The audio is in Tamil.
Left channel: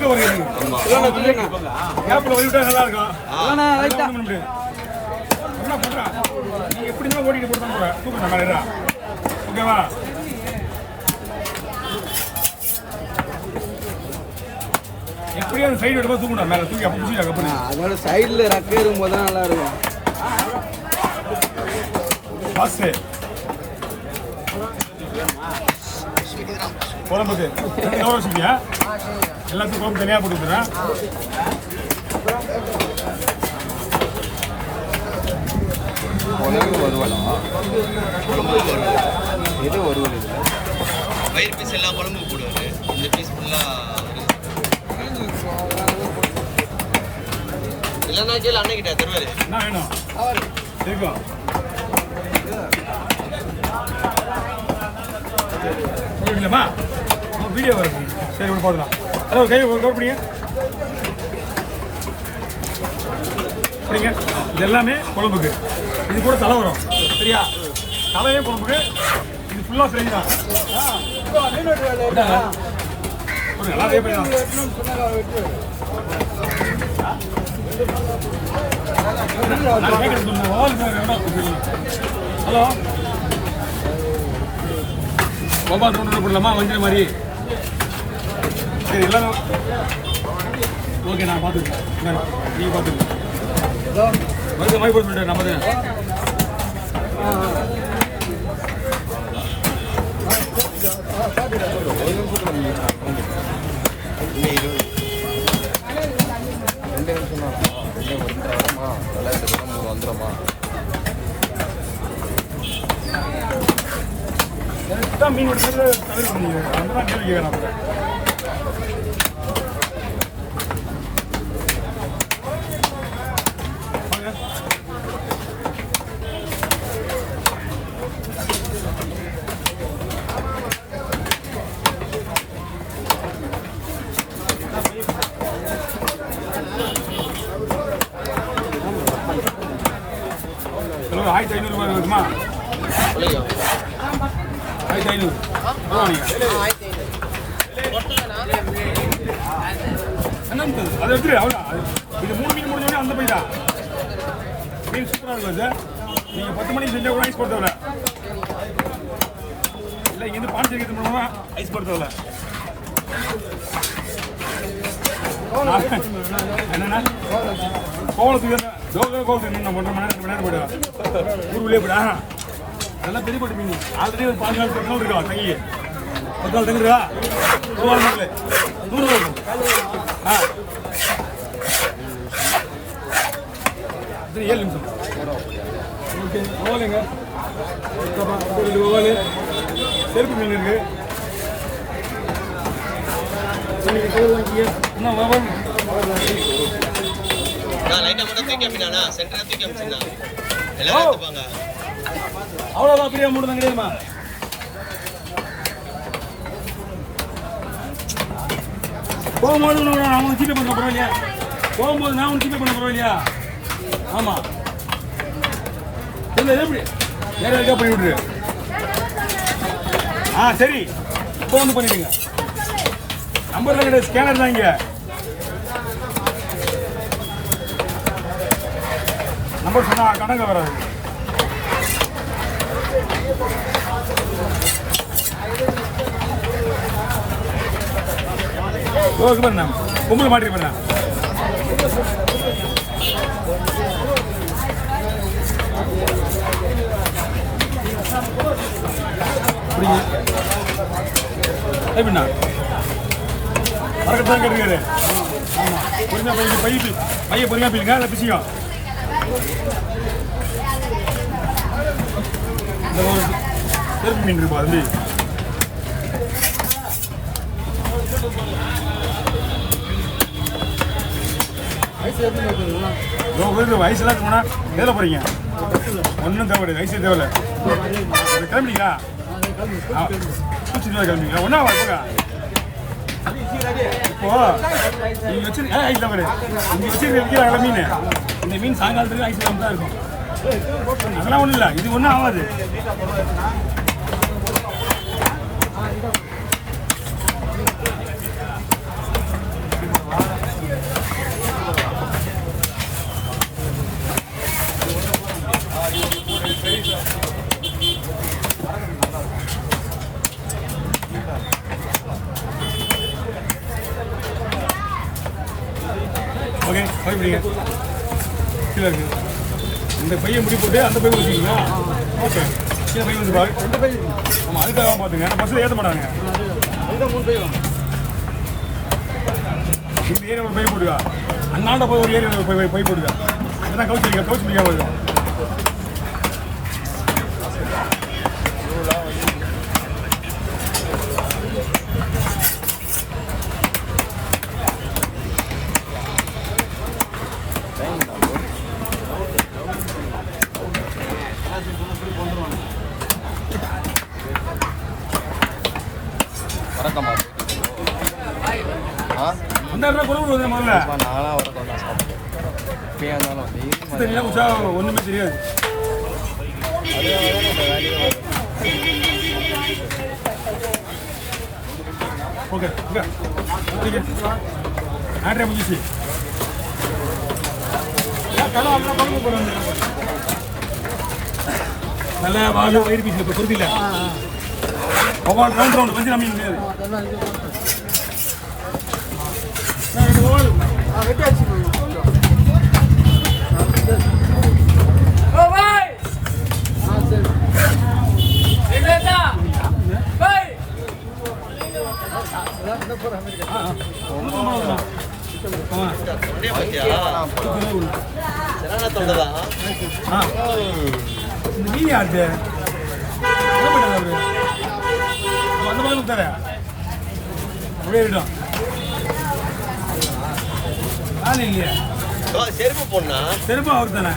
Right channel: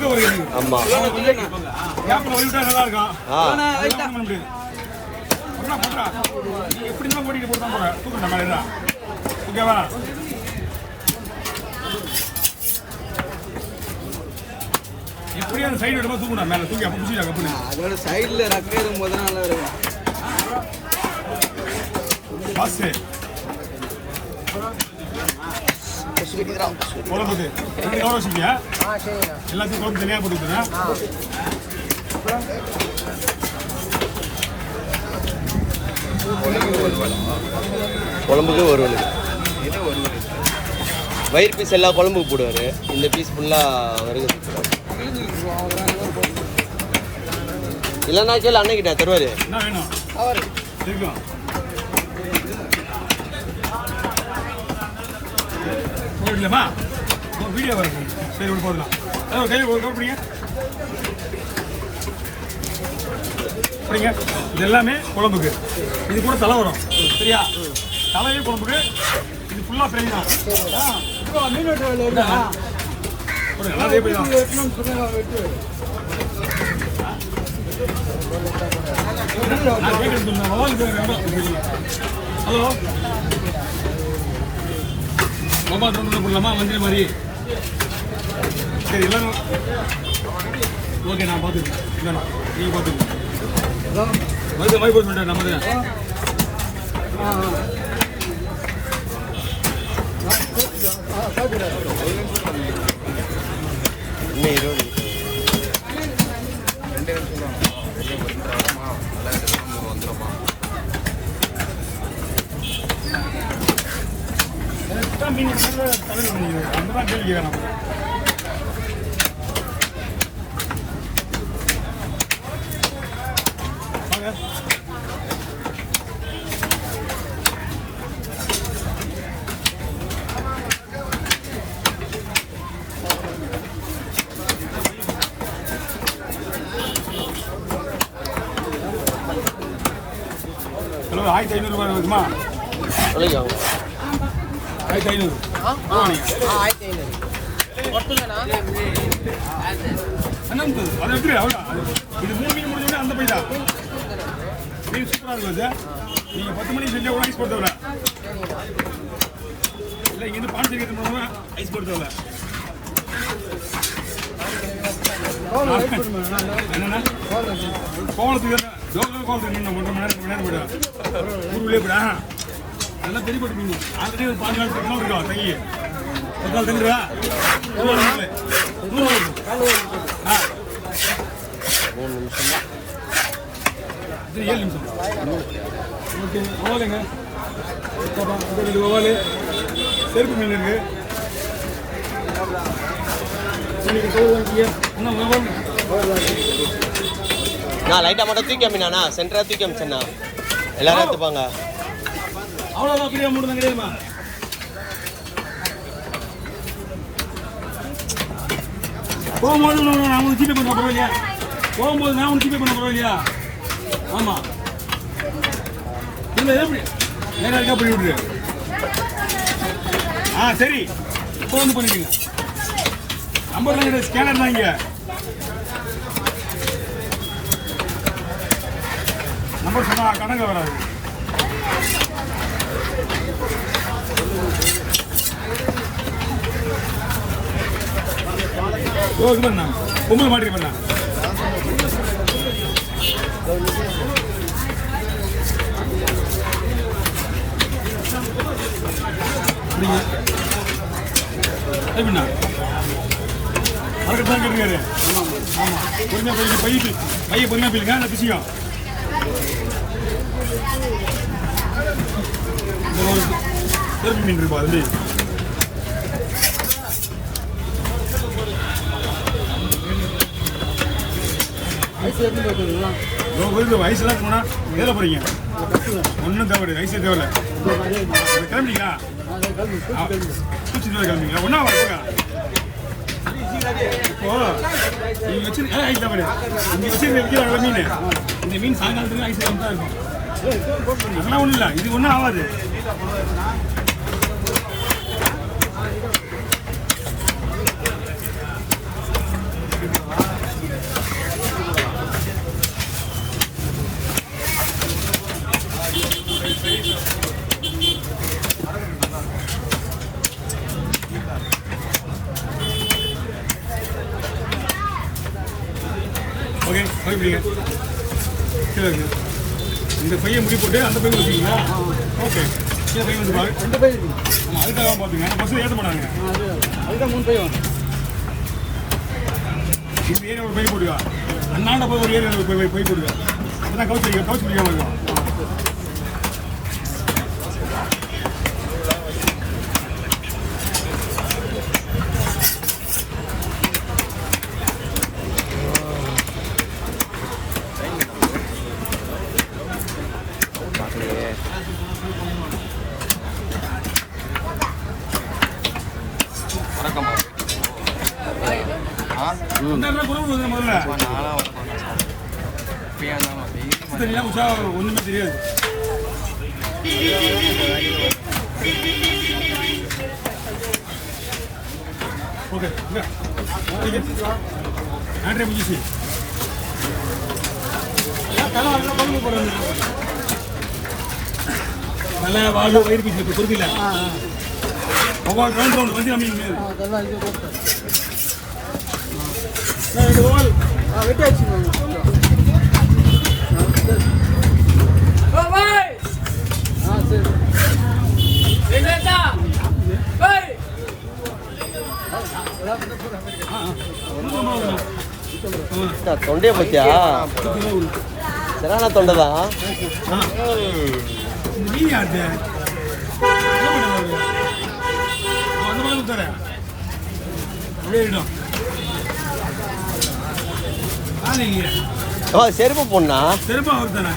ஆமா கேப்ல வலிவிட்டா நல்லா இருக்கும். என்ன பண்றா நீ எப்படி தான் ஓடிட்டு போட்டு தான் போற தூக்குற மேல ஓகேவா? எப்படியா அந்த சைடு எடுப்பா தூக்கணும் மேல தூக்கி அப்ப புடிச்சா கப்பனு அதோட சைடுல ரக்க இருக்கும்போது தான் நல்லா இருக்கும். பாஸ் குழம்புக்கு ரெண்டு கவர் வச்சுக்கியா? எல்லாத்துக்கும் குழம்பு தனியாக போட்டு விட்டுறேன். குழம்புக்கு வருவாள் இது வருவாள் வயிறு பீஸ் எல்லா குழம்புக்கு போடுவார். இந்த பீஸ் ஃபுல்லாக வருது. இல்லைன்னா கேள்வி அன்னைக்கிட்டா தருவார். என்ன வேணும் இருக்கும் இல்லைம்மா வீடியோ வருது. சரி ஒன்று பார்த்துக்கலாம். ஹலோ கை கவர் பிடிங்க பிடிங்க. இது எல்லாமே குழம்புக்கு. இது கூட தலை வரும் சரியா? தலையே குழம்புக்கு. இது ஃபுல்லாக ஃப்ரை தான். எல்லாம் அதே போய் தான். நான் கேட்குறது ஹலோ பாபா ரவுண்ட் போடலாமா மஞ்சள் மாதிரி? சரி எல்லாரும் ஓகே நான் பார்த்துருக்கேன். நீங்கள் பார்த்துருக்கேன் மருந்து மாதிரி போட்டு நம்ம இன்னும் 20 2 நிமிஷம் தான். 2 வந்துடுறோமா வந்துடுறோமா? கரெக்டாக மீன் எடுத்து அந்த தான் கேள்வி கேட்கணும். அப்புறம் கிலோ 1500 ரூபாய் இருக்குமா? 1500 ஆமாம். நீங்கள் என்னது அது எப்படி அவ்வளோ? இது 3 மீன் முடிஞ்சோடனே அந்த போய் தான் மீன் சூப்பராக இருக்கும் சார். நீங்கள் 10 மணிக்கு செஞ்சால் கூட ஐஸ் போட தேவை இல்லை. இங்கேருந்து பாண்டிச்சேரி எடுத்து போனோம்னா ஐஸ் போட தேவை. என்னன்னா கோவலத்துக்கு தானே கோவலத்துக்கு இன்னும் 1.5 மணி நேரம் 2 மணி நேரம் போயிடலாம். ஊருக்குள்ளே போய்டா அதெல்லாம் பெரிய போட்டு மீன். ஆல்ரெடி ஒரு 5 நாள் 10 நாள் இருக்கா கை 10 நாள் தெரியுதா? 100 ஆ 7 நிமிஷம் ஓகே. ஓவலைங்க ஓவல் செருப்பு மீன் இருக்கு. என்ன ஓவல் நான் லைட்டாக மட்டும் தூக்கி அமினா சென்டராக தூக்கி அமிச்சேண்ணா எல்லாரும் எடுத்துப்பாங்க. அவ்வளோதான் பிரியா மூணு தான் கிடையாதுமா? போகும்போது நான் உனக்கு ஜிபே பண்ண பரவாயில்லையா? போகும்போது நான் உனக்கு ஜிபே பண்ண பரவாயில்லையா? ஆமாம் இல்லை எப்படி நேராக இருக்கா பண்ணி விட்ரு. ஆ சரி இப்போ வந்து பண்ணிடுங்க. நம்பர்லாம் கிடையாது, ஸ்கேனர் தான் இங்கே. நம்பர் சொன்னால் கடங்க வராது. ஓகே பண்ண பொம்பளை மாட்டி பண்ண எப்படிண்ணா மறக்கத்தான் கேட்டுருக்காரு. ஆமாம் பொறுமையாக பையன் பொறுமையாக போயிருங்க. அதை பிசிக்கும் இந்த ஒரு செருப்பு மீன் இருப்பா அது வயசுலாம் போனா வேலை போறீங்க. ஒன்றும் தேவையில்லை, வயசு தேவையில்லை. கிளம்பிட்டீங்களா? கிளம்பிங்களா? ஒன்றா போங்க. இப்போ நீங்க வச்சிருக்க ஐஸ் தான் இங்க வச்சிருக்க விற்கிற மீன். இந்த மீன் சாயங்காலத்துக்கு ஐஸ் தான் இருக்கும். அதெல்லாம் ஒன்றும் இல்லை, இது ஒன்றும் ஆகாது. ஓகே சரி பிடிங்க கீழே இருக்கு இந்த பையன் முடி போட்டு அந்த பையன் வச்சுக்கிங்களா ஓகே கீழே பையன் வந்து பாரு ரெண்டு பை இருக்கு ஆமாம் அதுக்காக பார்த்துங்க ஏன்னா பஸ்ஸில் ஏற்ற மாட்டாங்க அதுதான் 3 பை வேணும் இந்த ஏரியா ஒரு பை போட்டுக்கா அண்ணாண்ட போய் ஒரு ஏரியா ஒரு பை போட்டுக்கா அதுதான் கவுச்சு பிடிக்காம இருக்கும் வணக்கம்மா ஆ அந்த இடத்துல குழம்பு வந்து முதல்ல நாளாக வர கொஞ்சம் இல்லை உஷா ஒன்றுமே தெரியாது ஓகே ஓகே ஆட்ரே முடிச்சு தலை நல்லா குழம்பு போடுறாங்க நல்லா வாழ வயிறு பீச்சு இப்போ பொறுத்தில்ல ஒவ்வொரு ரவுண்ட் வந்து நம்ம அதெல்லாம் இது போட்டு வெட்டி ஆச்சு தொண்டையை பத்தியா சரியான தொண்டை தான் மீன் ஆச்சு அந்த மாதிரி விட்டார அப்படியே விடும் ஆள் இல்லையா செருப்பு போடலாம் செருப்பு அவர் தானே